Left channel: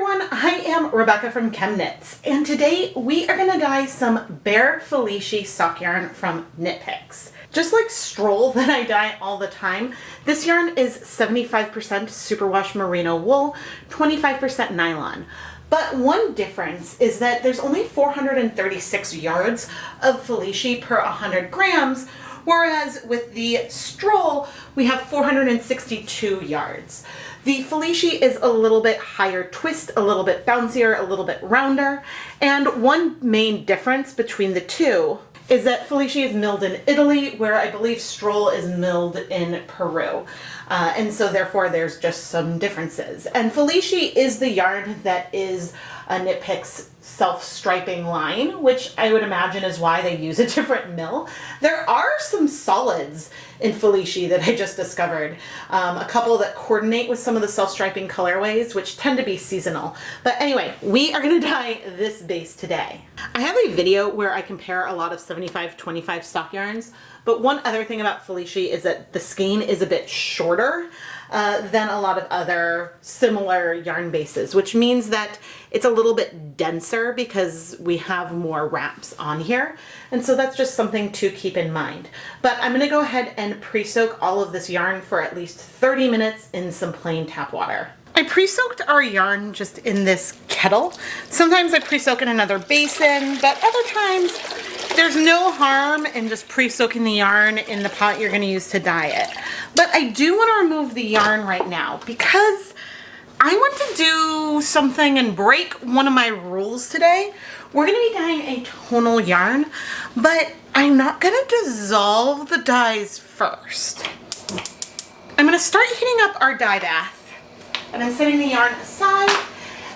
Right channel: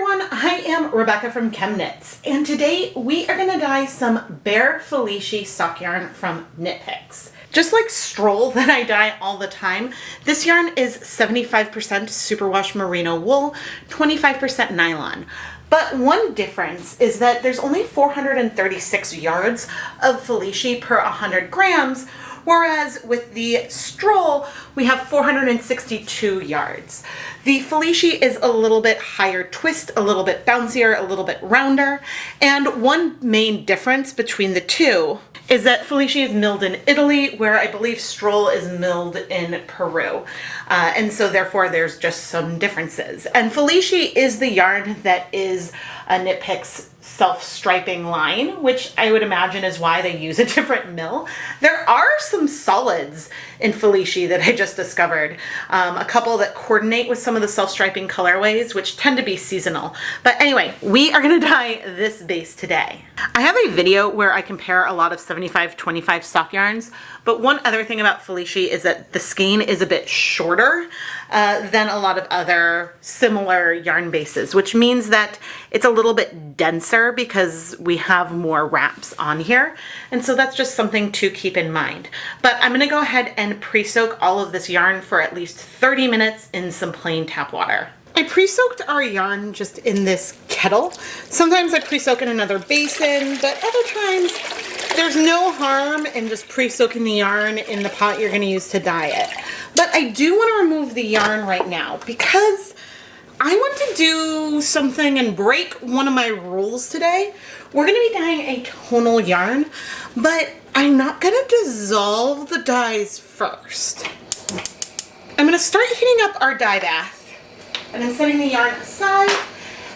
everyone, I am Rebecca from ChemKnits, and today we are going to dye some bare Felici sock yarn from Knit Picks. Just like Stroll that I dye all the time, this yarn is 75% superwash merino wool, 25% nylon. But one difference is that there's only 436 yards of Felici per 100 grams, whereas with the Stroll, we have 462 yards. The Felici is a little bit higher twist, a little bit bouncier, a little bit rounder, and one main difference between the two is that Felici is milled in Italy, where I believe Stroll is milled in Peru. And so therefore there's just some differences. And Felici is the yarn that is a Knit Picks self-striping line, which I would imagine is why they use a different mill. There are some solids in Felici that I just discovered. A couple that coordinate with some of the self-striping colorways, which tend to be seasonal. But anyway, we are gonna dye this base today. I have a video where I compare a lot of 75-25 sock yarns, but one other thing about Felici is that the skein is a bit shorter than a lot of other similar yarn bases, which means that it's a little bit denser because we have more wraps on here. And so that's just something to keep in mind. But I'm gonna go ahead and pre-soak all of this yarn for at least 30 minutes in some plain tap water. I pre-soaked our yarn just in this kettle. Sometimes I pre-soak in another basin, but other times there's no harm in just pre-soaking the yarn in the pot you're gonna use to dye it. But I do want to remove the yarn right now because I want to do something and break one of my rules today. We're going to be dyeing a tonal yarn, but I'm not going to dissolve the dyes first. I'm going to start heating up our dye bath, and I'm setting the yarn aside,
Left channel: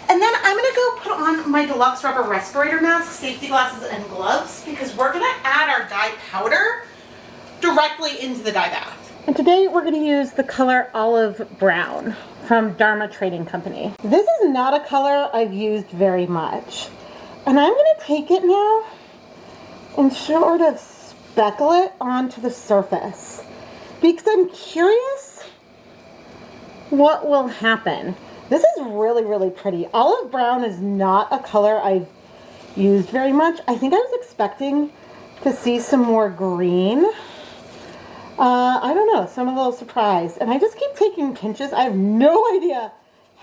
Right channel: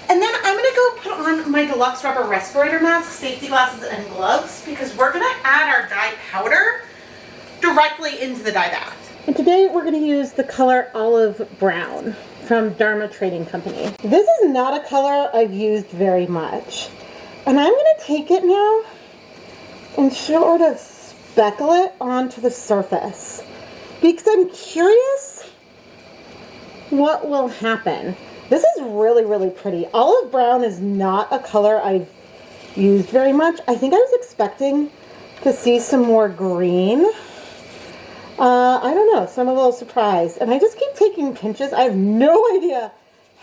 and then I'm going to go put on my deluxe rubber respirator mask, safety glasses, and gloves because we're going to add our dye powder directly into the dye bath. And today we're going to use the color Olive Brown from Dharma Trading Company. This is not a color I've used very much. And I'm going to take it now and sort of speckle it onto the surface because I'm curious what will happen. This is really, really pretty. Olive Brown is not a color I've used very much. I think I was expecting to see some more green. I don't know, so I'm a little surprised. And I just keep taking pinches. I have no idea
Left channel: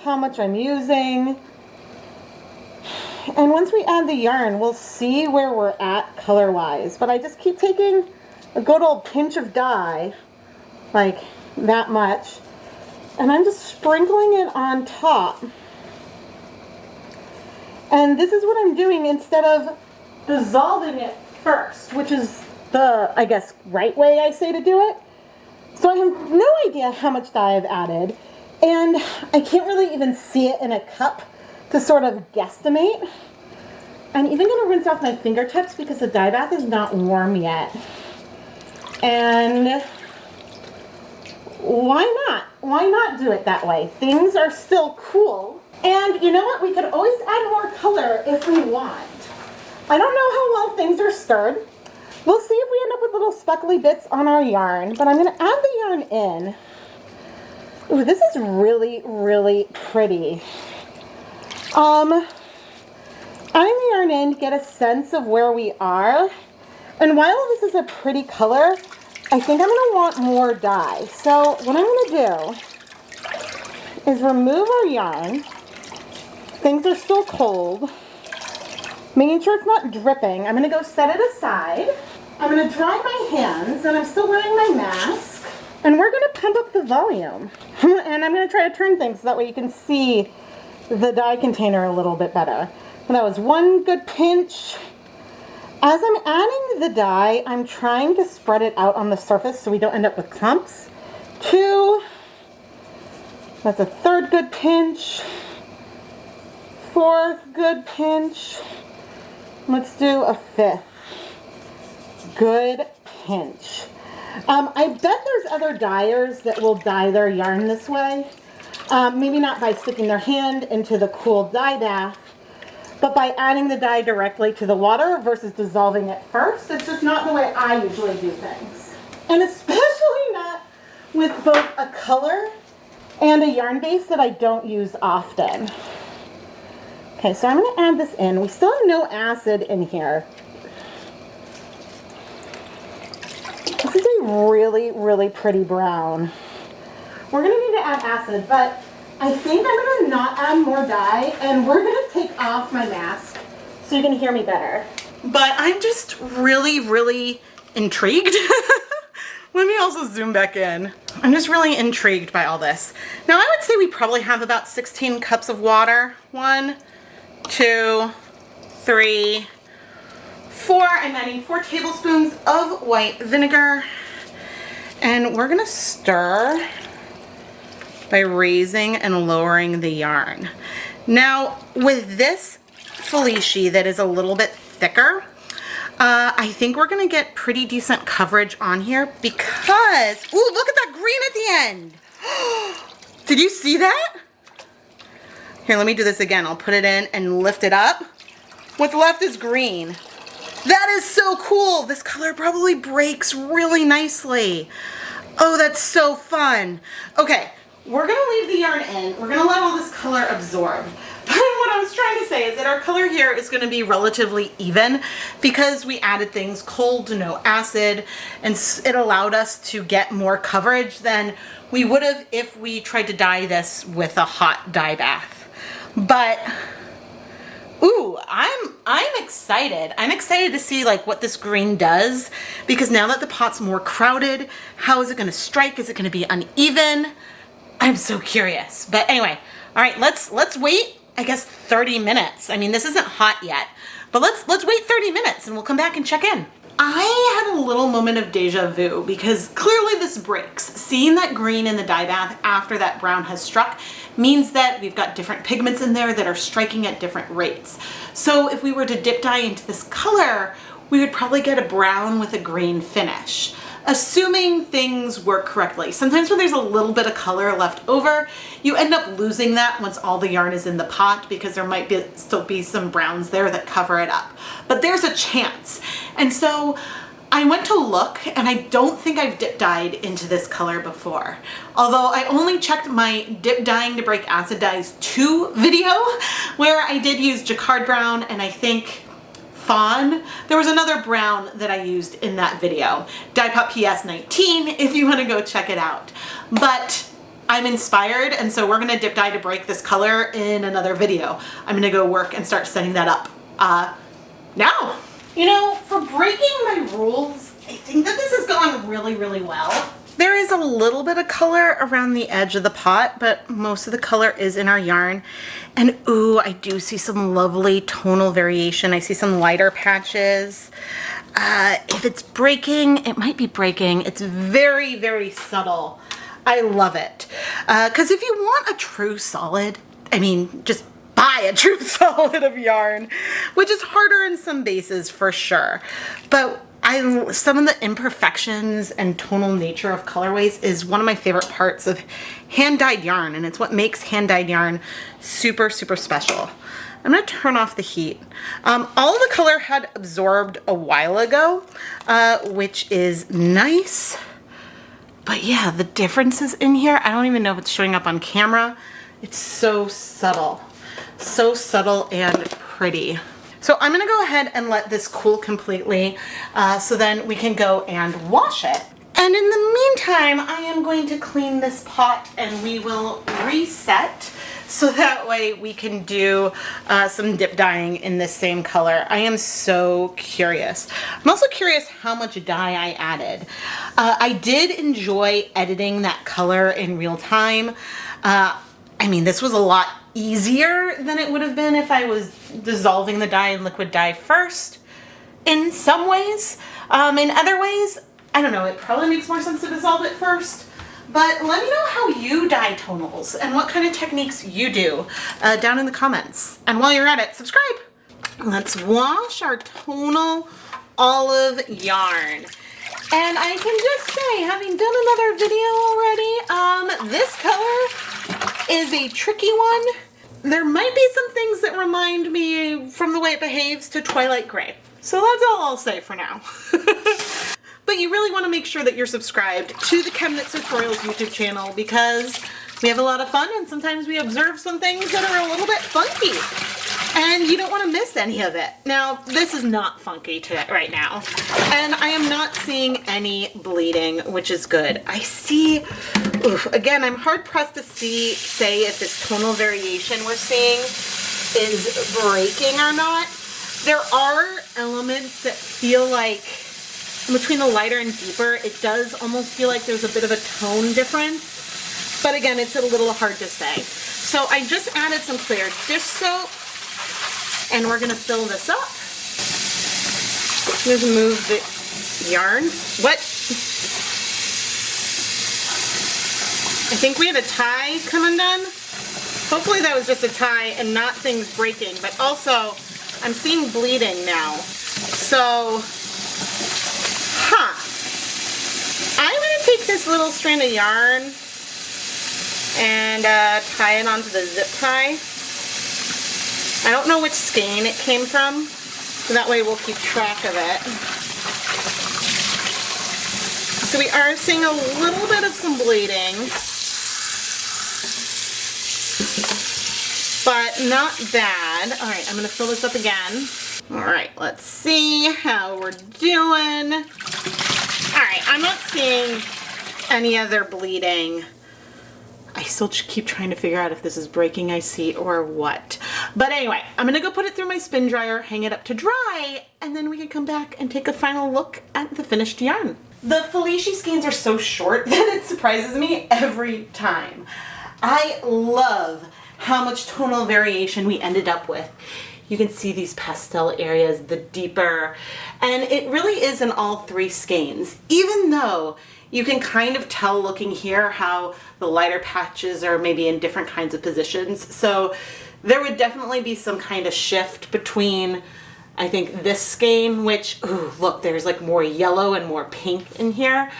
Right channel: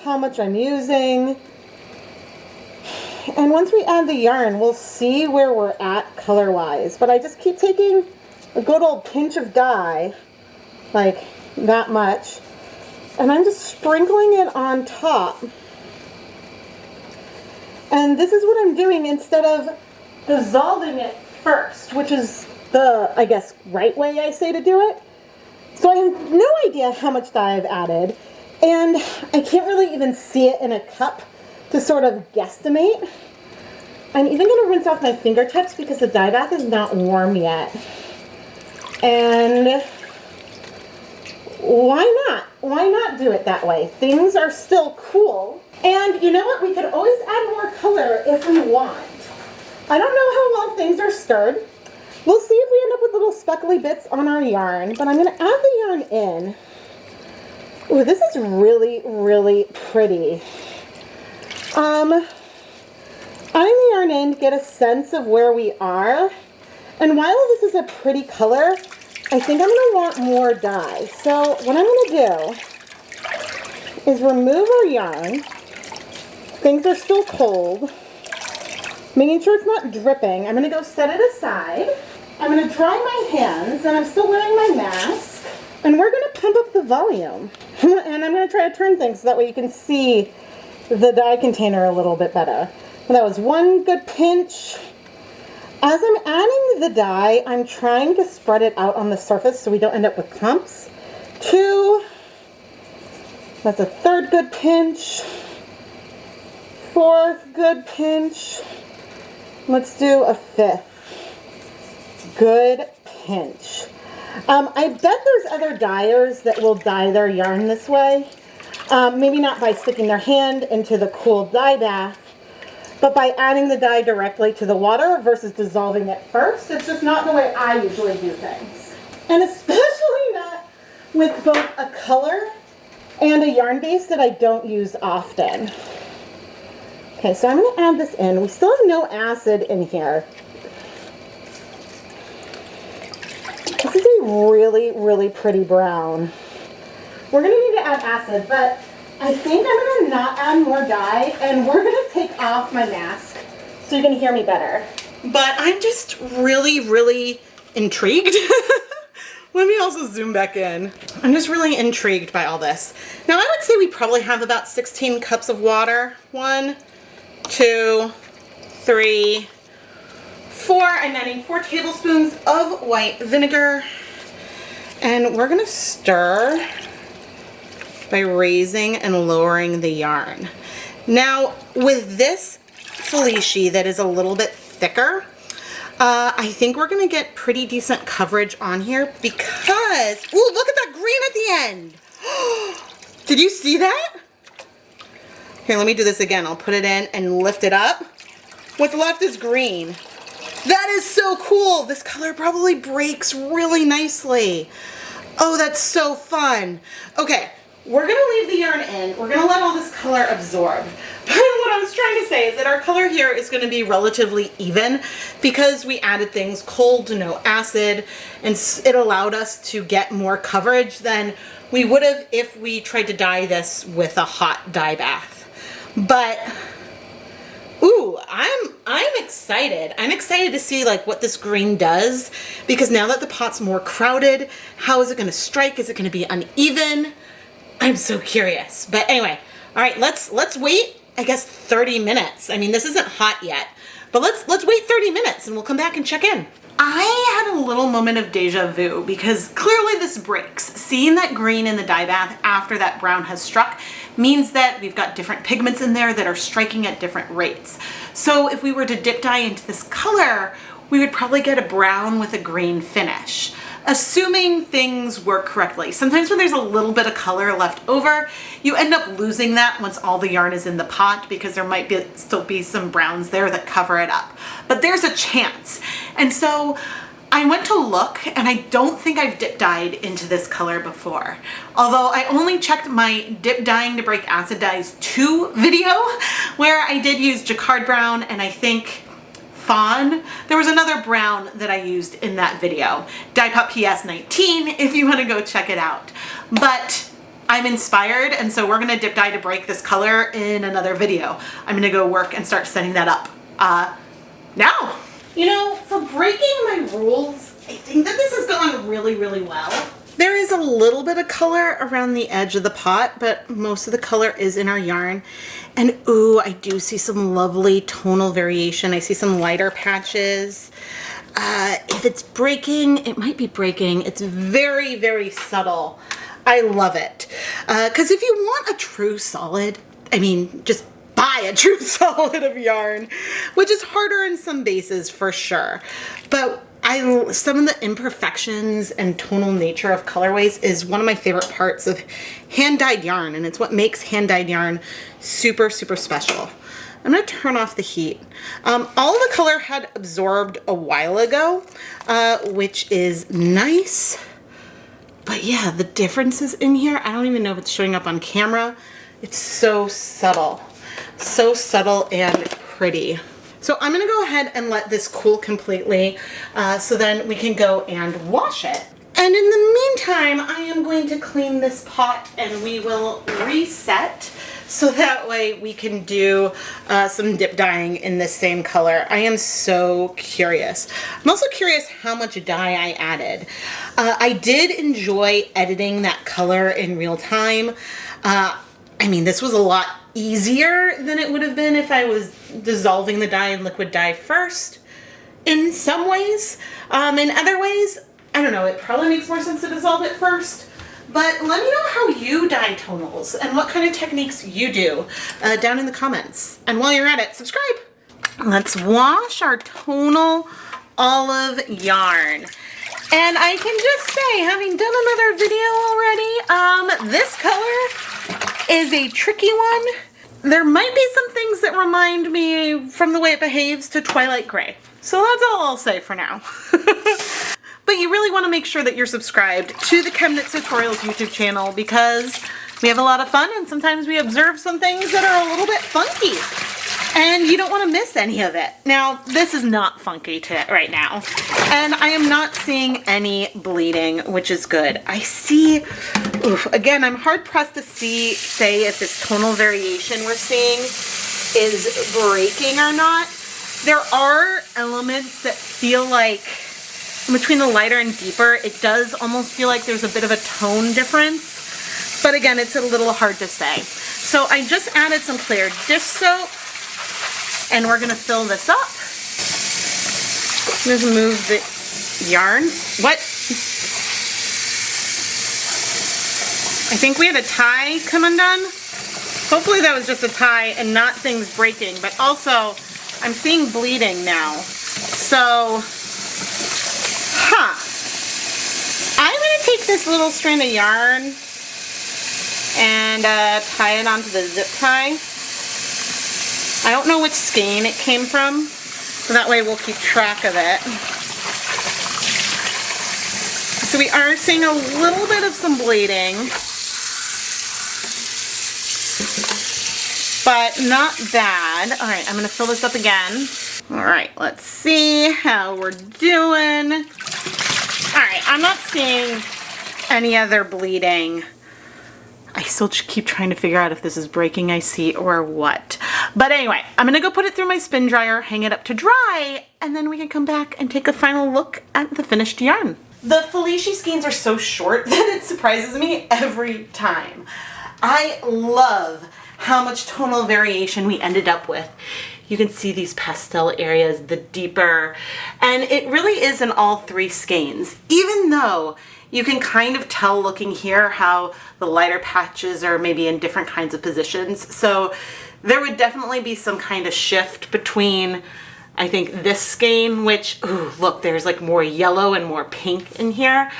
how much I'm using. And once we add the yarn, we'll see where we're at color-wise. But I just keep taking a good old pinch of dye, like that much. And I'm just sprinkling it on top. And this is what I'm doing instead of dissolving it first, which is the, I guess, right way I say to do it. So I have no idea how much dye I've added, and I can't really even see it in a cup to sort of guesstimate. I'm even going to rinse off my fingertips because the dye bath is not warm yet. And why not? Why not do it that way? Things are still cool. And you know what? We could always add more color if we want. I don't know how well things are stirred. We'll see if we end up with little speckly bits on our yarn, but I'm going to add the yarn in. Ooh, this is really, really pretty. Adding the yarn in to get a sense of where we are. And while this is a pretty color, I think I'm going to want more dye. So what I'm going to do is remove our yarn. Things are still cold. Making sure it's not dripping. I'm going to go set it aside. I'm going to dry my hands, and I'm still wearing my mask. And we're going to pump up the volume. And I'm going to try to turn things so that way you can see the dye container a little bit better. And that was one good pinch. As I'm adding the dye, I'm trying to spread it out on the surface so we don't end up with clumps. 2. That's a 3rd good pinch. 4th good pinch. Let's do a 5th. Good pinch. I bet there's other dyers that will dye their yarn this way. Maybe not by sticking their hand into the cool dye bath, but by adding the dye directly to the water versus dissolving it first. It's just not the way I usually do things. And especially not with both a color and a yarn base that I don't use often. Okay, so I'm going to add this in. We still have no acid in here. This is a really, really pretty brown. We're going to need to add acid, but I think I'm going to not add more dye, and we're going to take off my mask so you can hear me better. But I'm just really, really intrigued. Let me also zoom back in. I'm just really intrigued by all this. Now I would say we probably have about 16 cups of water. 1, 2, 3, 4. I'm adding 4 tablespoons of white vinegar. And we're gonna stir by raising and lowering the yarn. Now with this Felici that is a little bit thicker, I think we're gonna get pretty decent coverage on here because, ooh, look at that green at the end. Did you see that? Here, let me do this again. I'll put it in and lift it up. What's left is green. That is so cool. This color probably breaks really nicely. Oh, that's so fun. Okay, we're gonna leave the yarn in. We're gonna let all this color absorb. What I was trying to say is that our color here is going to be relatively even because we added things cold, no acid, and it allowed us to get more coverage than we would have if we tried to dye this with a hot dye bath. But ooh, I'm excited. I'm excited to see like what this green does, because now that the pot's more crowded, how is it going to strike? Is it going to be uneven? I'm so curious. But anyway, all right, let's wait. I guess 30 minutes. I mean, this isn't hot yet, but let's wait 30 minutes and we'll come back and check in. I had a little moment of deja vu because clearly this breaks. Seeing that green in the dye bath after that brown has struck means that we've got different pigments in there that are striking at different rates. So if we were to dip dye into this color, we would probably get a brown with a green finish, assuming things work correctly. Sometimes when there's a little bit of color left over, you end up losing that once all the yarn is in the pot because there might still be some browns there that cover it up. But there's a chance. And so I went to look, and I don't think I've dip dyed into this color before. Although I only checked my dip dyeing to break acid dyes 2 video, where I did use jacquard brown and I think fawn. There was another brown that I used in that video. Dyepot PS 19 if you want to go check it out. But I'm inspired, and so we're going to dip dye to break this color in another video. I'm going to go work and start setting that up now. You know, for breaking my rules, I think that this is going really, really well. There is a little bit of color around the edge of the pot, but most of the color is in our yarn. And ooh, I do see some lovely tonal variation. I see some lighter patches. If it's breaking, it might be breaking. It's very, very subtle. I love it. Because if you want a true solid, I mean, just buy a true solid of yarn, which is harder in some bases for sure. But some of the imperfections and tonal nature of colorways is one of my favorite parts of hand-dyed yarn, and it's what makes hand-dyed yarn super, super special. I'm going to turn off the heat. All of the color had absorbed a while ago, which is nice. But yeah, the differences in here, I don't even know if it's showing up on camera. It's so subtle. So subtle and pretty. So I'm going to go ahead and let this cool completely so then we can go and wash it. And in the meantime, I am going to clean this pot and we will reset so that way we can do some dip dyeing in this same color. I am so curious. I'm also curious how much dye I added. I did enjoy editing that color in real time. I mean, this was a lot easier than it would have been if I was dissolving the dye in liquid dye first in some ways. In other ways, I don't know, it probably makes more sense to dissolve it first. But let me know how you dye tonals and what kind of techniques you do down in the comments. And while you're at it, subscribe. Let's wash our tonal olive yarn. And I can just say, having done another video already, this color is a tricky one. There might be some things that remind me from the way it behaves to Twilight Gray. So that's all I'll say for now. But you really want to make sure that you're subscribed to the ChemKnits Tutorials YouTube channel because we have a lot of fun and sometimes we observe some things that are a little bit funky. And you don't want to miss any of it. Now, this is not funky right now. And I am not seeing any bleeding, which is good. I see, again, I'm hard pressed to say if this tonal variation we're seeing is breaking or not. There are elements that feel like between the lighter and deeper, it does almost feel like there's a bit of a tone difference. But again, it's a little hard to say. So I just added some clear dish soap. And we're gonna fill this up. Let's move the yarn. What? I think we had a tie come undone. Hopefully that was just a tie and not things breaking, but also I'm seeing bleeding now. So, I'm gonna take this little strand of yarn and tie it onto the zip tie. I don't know which skein it came from, so that way we'll keep track of it. So we are seeing a little bit of some bleeding, but not bad. All right, I'm gonna fill this up again. All right, let's see how we're doing. All right, I'm not seeing any other bleeding. I still keep trying to figure out if this is breaking, I see, or what. But anyway, I'm gonna go put it through my spin dryer, hang it up to dry, and then we can come back and take a final look at the finished yarn. The Felici skeins are so short that it surprises me every time. I love how much tonal variation we ended up with. You can see these pastel areas, the deeper, and it really is in all three skeins, even though you can kind of tell looking here how the lighter patches are maybe in different kinds of positions. So there would definitely be some kind of shift between, I think, this skein, which, ooh, look, there's like more yellow and more pink in here.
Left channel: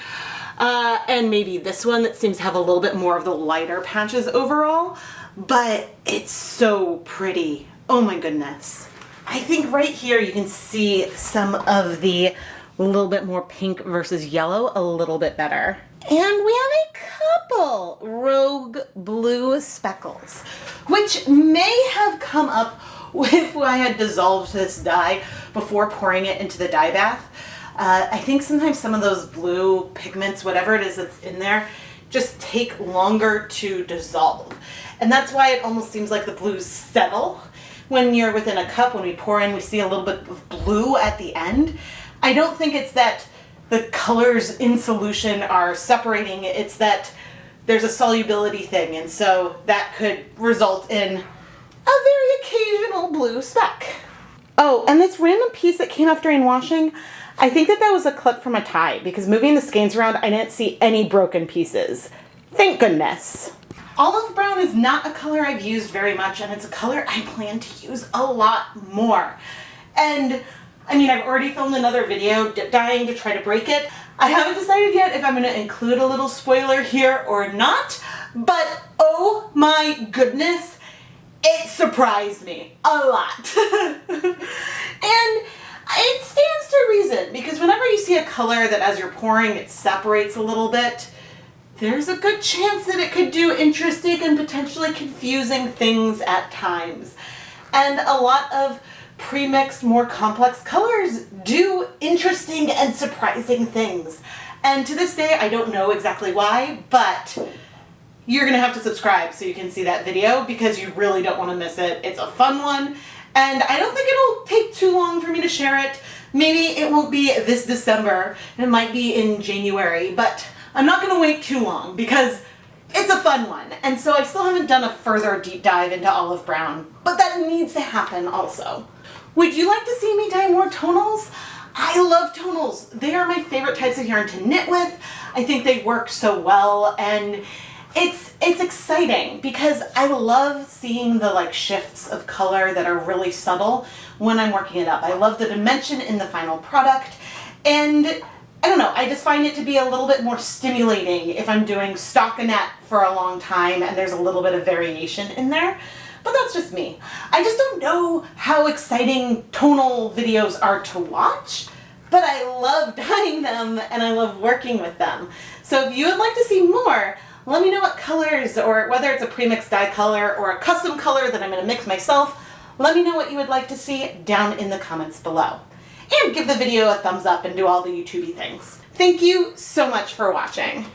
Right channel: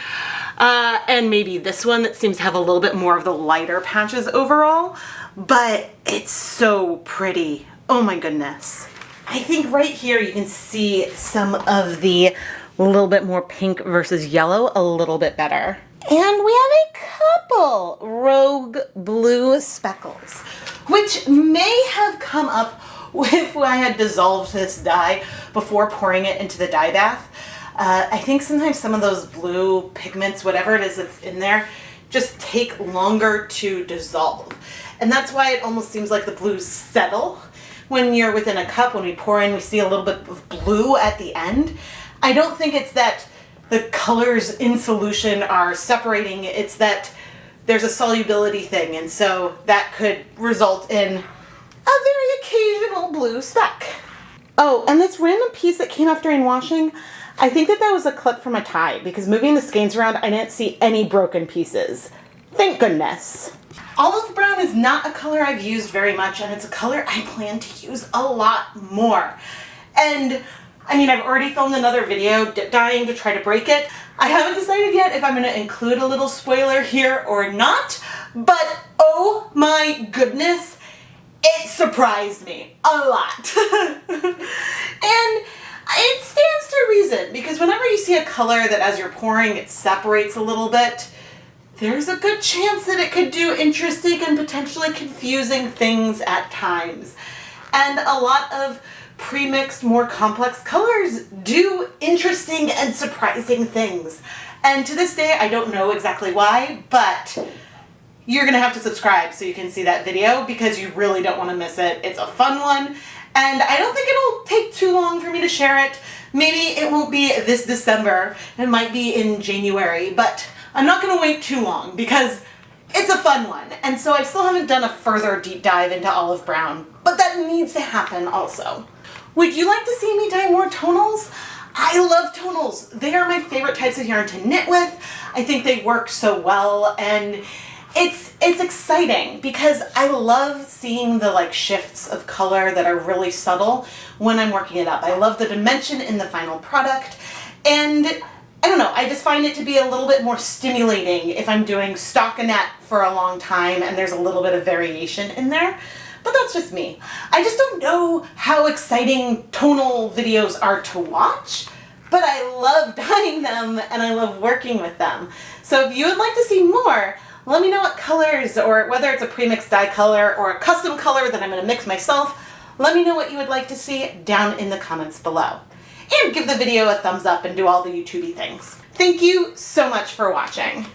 And maybe this one that seems to have a little bit more of the lighter patches overall. But it's so pretty. Oh my goodness. I think right here you can see some of the little bit more pink versus yellow a little bit better. And we have a couple rogue blue speckles, which may have come up if I had dissolved this dye before pouring it into the dye bath. I think sometimes some of those blue pigments, whatever it is that's in there, just take longer to dissolve. And that's why it almost seems like the blues settle. When you're within a cup, when we pour in, we see a little bit of blue at the end. I don't think it's that the colors in solution are separating, it's that there's a solubility thing, and so that could result in a very occasional blue speck. Oh, and this random piece that came off during washing, I think that was a clip from a tie, because moving the skeins around, I didn't see any broken pieces. Thank goodness. Olive brown is not a color I've used very much, and it's a color I plan to use a lot more. And I mean, I've already filmed another video dip dyeing to try to break it. I haven't decided yet if I'm going to include a little spoiler here or not, but oh my goodness, it surprised me a lot. And it stands to reason, because whenever you see a color that as you're pouring it separates a little bit, there's a good chance that it could do interesting and potentially confusing things at times. And a lot of pre-mixed, more complex colors do interesting and surprising things. And to this day, I don't know exactly why, but you're gonna have to subscribe so you can see that video, because you really don't want to miss it. It's a fun one, and I don't think it'll take too long for me to share it. Maybe it won't be this December, it might be in January, but I'm not gonna wait too long because it's a fun one. And so I still haven't done a further deep dive into olive brown, but that needs to happen also. Would you like to see me dye more tonals? I love tonals. They are my favorite types of yarn to knit with. I think they work so well, and it's exciting because I love seeing the like shifts of color that are really subtle when I'm working it up. I love the dimension in the final product, and I don't know, I just find it to be a little bit more stimulating if I'm doing stockinette for a long time and there's a little bit of variation in there. But that's just me. I just don't know how exciting tonal videos are to watch, but I love dyeing them and I love working with them. So if you would like to see more, let me know what colors, or whether it's a pre-mixed dye color or a custom color that I'm gonna mix myself, Let me know what you would like to see down in the comments below. And give the video a thumbs up and do all the YouTubey things. Thank you so much for watching.